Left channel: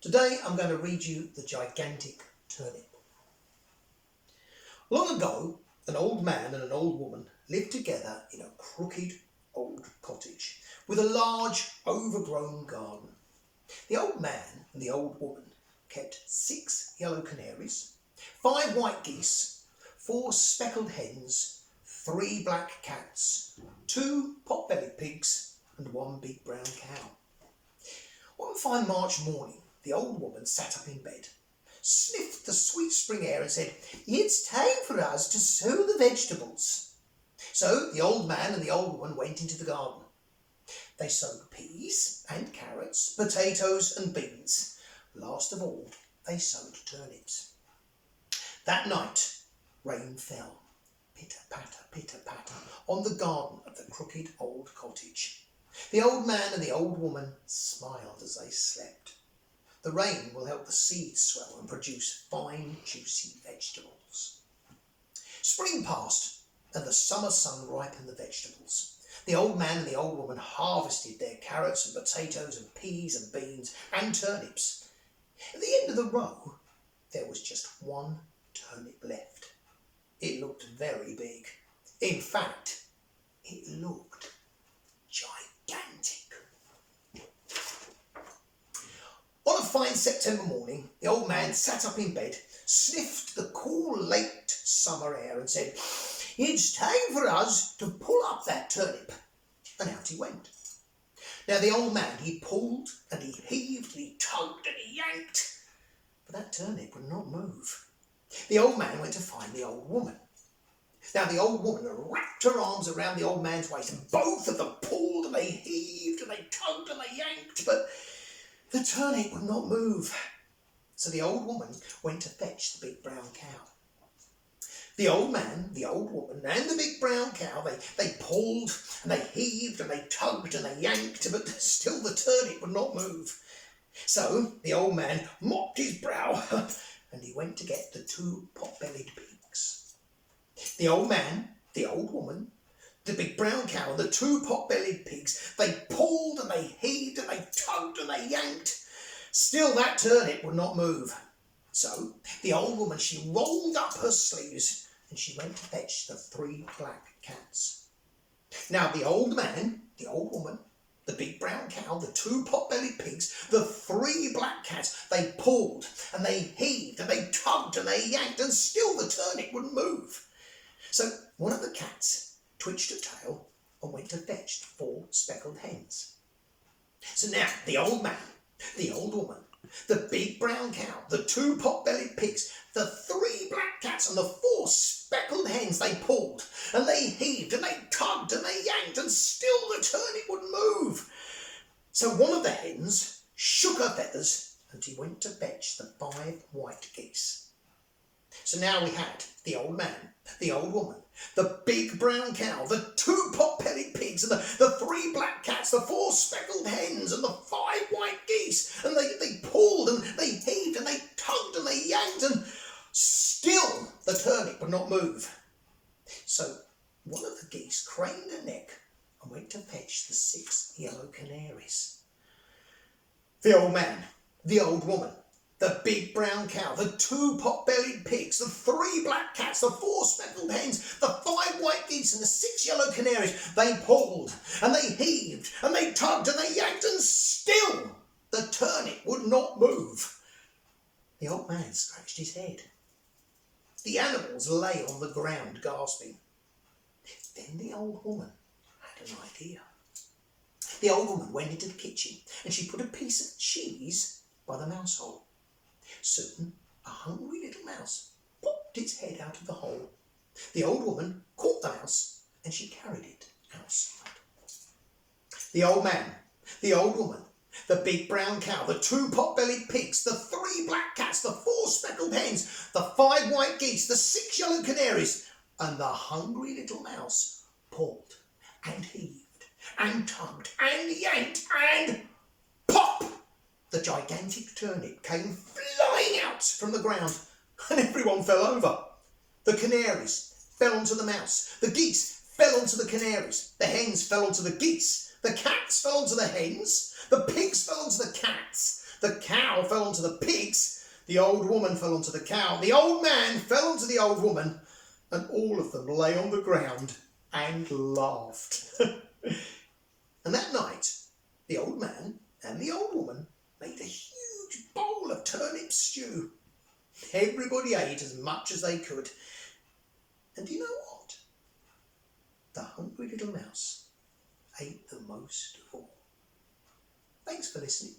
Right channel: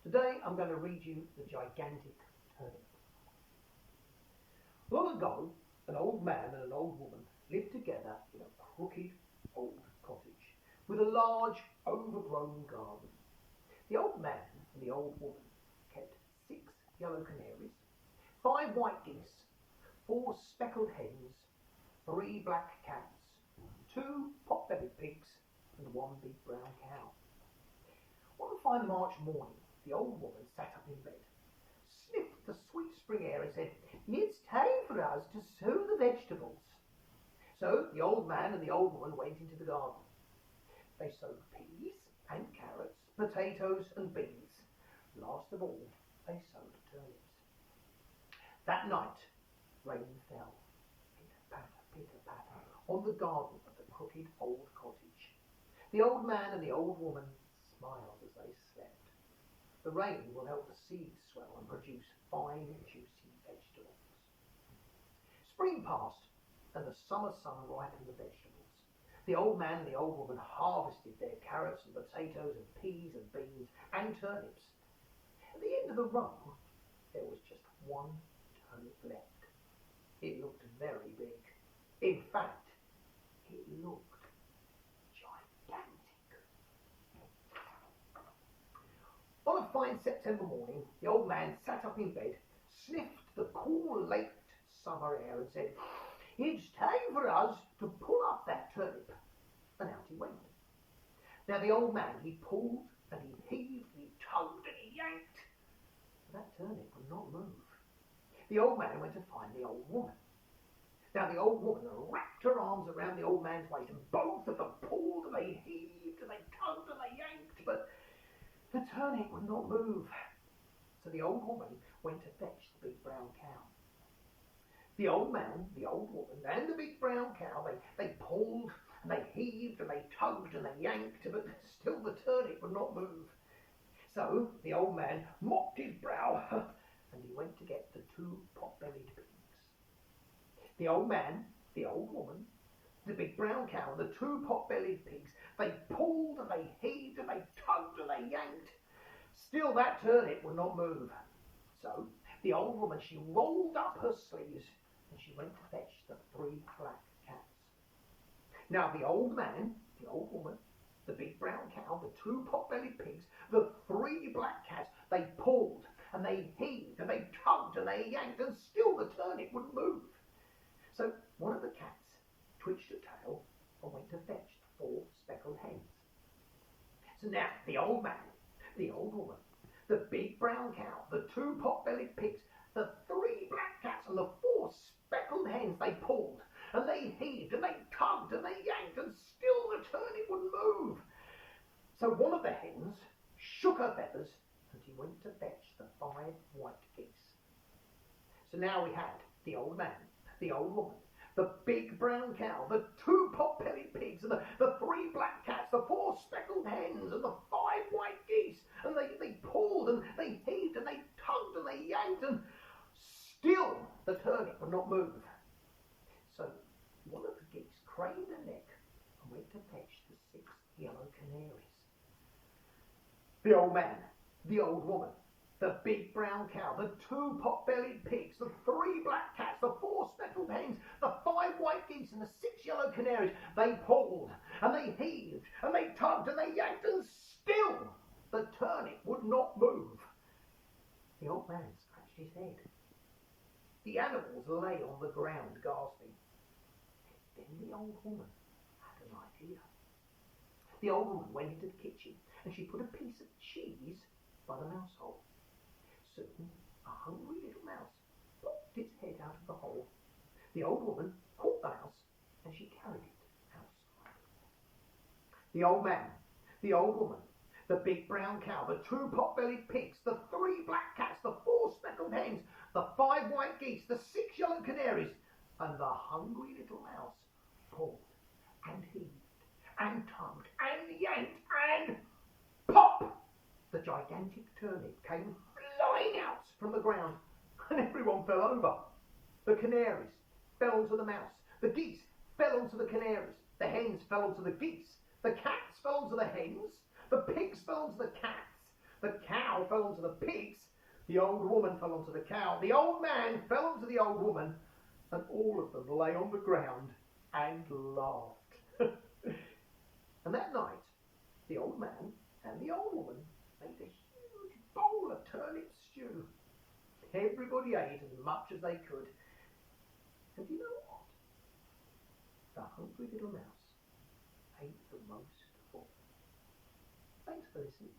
Today I'm going to read you The Gigantic Turnip. Long ago, an old man and an old woman lived together in a crooked old cottage with a large overgrown garden. The old man and the old woman kept 6 yellow canaries, 5 white geese, 4 speckled hens, 3 black cats, 2 pot-bellied pigs and 1 big brown cow. One fine March morning, the old woman sat up in bed, sniffed the sweet spring air and said, "It's time for us to sow the vegetables." So the old man and the old woman went into the garden. They sowed peas and carrots, potatoes and beans. Last of all, they sowed turnips. That night, rain fell, pitter-patter, pitter-patter, on the garden of the crooked old cottage. The old man and the old woman smiled as they slept. The rain will help the seeds swell and produce fine, juicy vegetables. Spring passed and the summer sun ripened the vegetables. The old man and the old woman harvested their carrots and potatoes and peas and beans and turnips. At the end of the row, there was just 1 turnip left. It looked very big. In fact, it looked gigantic. On a fine September morning, the old man sat up in bed, sniffed the cool late summer air and said, "It's time for us to pull up that turnip." And out he went. Now the old man, he pulled and he heaved and he tugged and he yanked, but that turnip would not move. The old man went to find the old woman. Now the old woman wrapped her arms around the old man's waist and both of them pulled and they heaved and they tugged and they yanked, but the turnip would not move. So the old woman went to fetch the big brown cow. The old man, the old woman and the big brown cow, they pulled and they heaved and they tugged and they yanked, but still the turnip would not move. So the old man mopped his brow and he went to get the 2 pot-bellied pigs. The old man, the old woman, the big brown cow and the 2 pot-bellied pigs, they pulled and they heaved and they tugged and they yanked. Still that turnip would not move. So the old woman, she rolled up her sleeves and she went to fetch the 3 black cats. Now the old man, the old woman, the big brown cow, the 2 pot-bellied pigs, the 3 black cats, they pulled and they heaved and they tugged and they yanked, and still the turnip wouldn't move. So one of the cats twitched her tail and went to fetch the 4 speckled hens. So now the old man, the old woman, the big brown cow, the 2 pot-bellied pigs, the 3 black cats and the 4 speckled hens, they pulled and they heaved and they tugged and they yanked, and still the turnip wouldn't move. So one of the hens shook her feathers and he went to fetch the 5 white geese. So now we had the old man, the old woman, the big brown cow, the 2 pot-bellied pigs and the 3 black cats, the 4 speckled hens and the 5 white geese, and they pulled and they heaved and they tugged and they yanked, and still the turnip would not move. So one of the geese craned her neck and went to fetch the 6 yellow canaries. The old man, the old woman, the big brown cow, the 2 pot-bellied pigs, the 3 black cats, the 4 speckled hens, the 5 white geese and the 6 yellow canaries, they pulled and they heaved and they tugged and they yanked, and still the turnip would not move. The old man scratched his head. The animals lay on the ground gasping. Then the old woman had an idea. The old woman went into the kitchen and she put a piece of cheese by the mouse hole. Soon a hungry little mouse popped its head out of the hole. The old woman caught the mouse and she carried it outside. The old man, the old woman, the big brown cow, the 2 pot-bellied pigs, the 3 black cats, the 4 speckled hens, the 5 white geese, the 6 yellow canaries, and the hungry little mouse pulled and heaved and tugged and yanked, and pop! The gigantic turnip came flying out from the ground and everyone fell over. The canaries fell onto the mouse. The geese fell onto the canaries. The hens fell onto the geese. The cats fell onto the hens. The pigs fell onto the cats. The cow fell onto the pigs, the old woman fell onto the cow, the old man fell onto the old woman, and all of them lay on the ground and laughed. And that night, the old man and the old woman made a huge bowl of turnip stew. Everybody ate as much as they could. And do you know what? The hungry little mouse ate the most of all. Thanks for listening.